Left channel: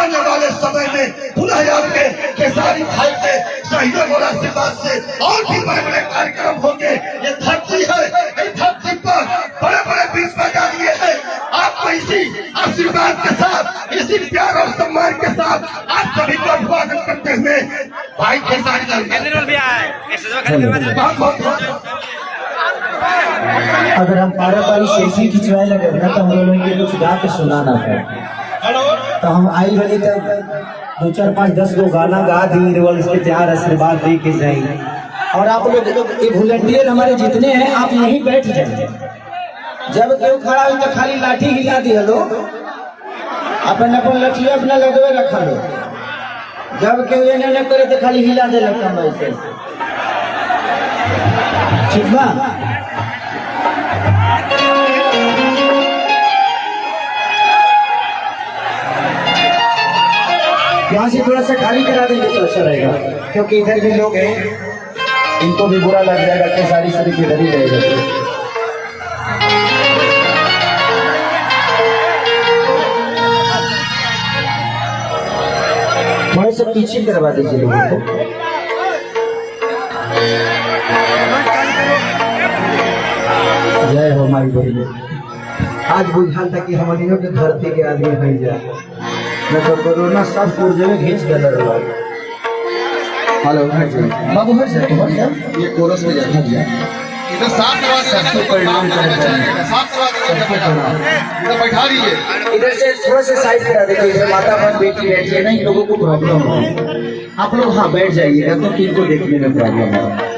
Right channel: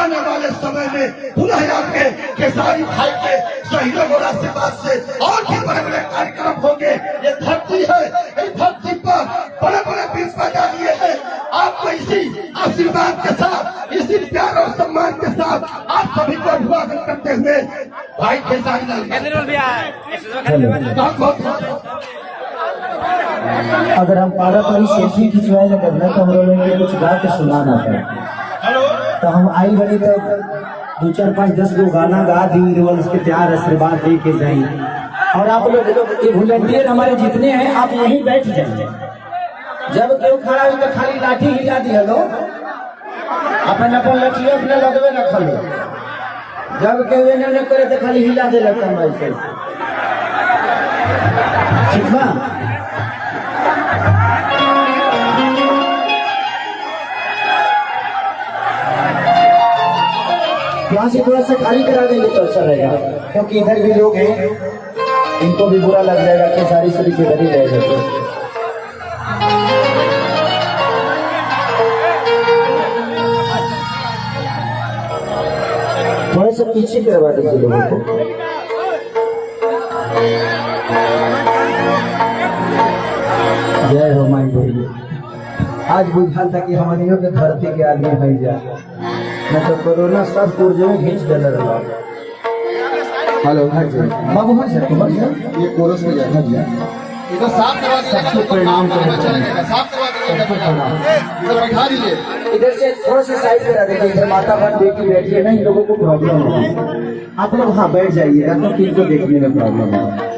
आने वाले समय में पुनः आपके केसारी भाई के शहीदों को आशीर्वाद से और भी बड़े बड़े कार्यक्रम होंगे। ये धरती है, इस धरती पर बड़े बड़े बीच बजा दिए हैं। आपको इसी आशीर्वाद के साथ, इसी प्यार और सम्मान के साथ आप सभी को अभिवादन करते हुए भाई केसारी लाल अगर हम पारा पारी सेल्फी खिंचवाए लगे ना तो हम लोग के कुछ गा के सुनाना है। तो हम आई बनी तब 2 4 5 10 गो गाना गा दी और इसके प्यार आशीर्वाद दे के जाई। और आप लोग ये वॉलंटियर हमारे जितने हैं आप यहीं बैठ जाइए। जब कोई खड़ा हो तो खाली लाठी हिला दी हेलो, अपन अपन लाठी अपने लगवे रख लो। जब कोई ये न करे तो खाली हिला दे लगता मैं ऐसे, ठीक ना? यहाँ से थोड़ा सा खाली करा देंगे तो अच्छा रहेगा, क्योंकि इधर भी लोग हैं, इनको भी बुरा लग जाएगा कि सारी सभी के इधर ही रहेगा। थोड़ा सा पीछे करवा दीजिए लोगों को। जय हो माई बोली। आज बुझाल था कि हमारे के धरती के आदमी हो जाए, न तो कोरोना सब पुर्जे में घींच के लड़ रहा। हेलो बाबू हर जाए, हर जाए, ये कोरस में जाए, हट जाए। इधर साफ करवा दीजिए, सबको प्रणाम करना चाहिए, साफ करवा दीजिए, इधर बैठा दीजिए। इधर से थोड़ा सा साइड करा देखो, इधर माता बहन बेटी बैठी है ना, इन लोगों को प्रॉब्लम है। आप लोग हाँ बैठ जाइएगा, तो किनको देखने में प्रॉब्लम है।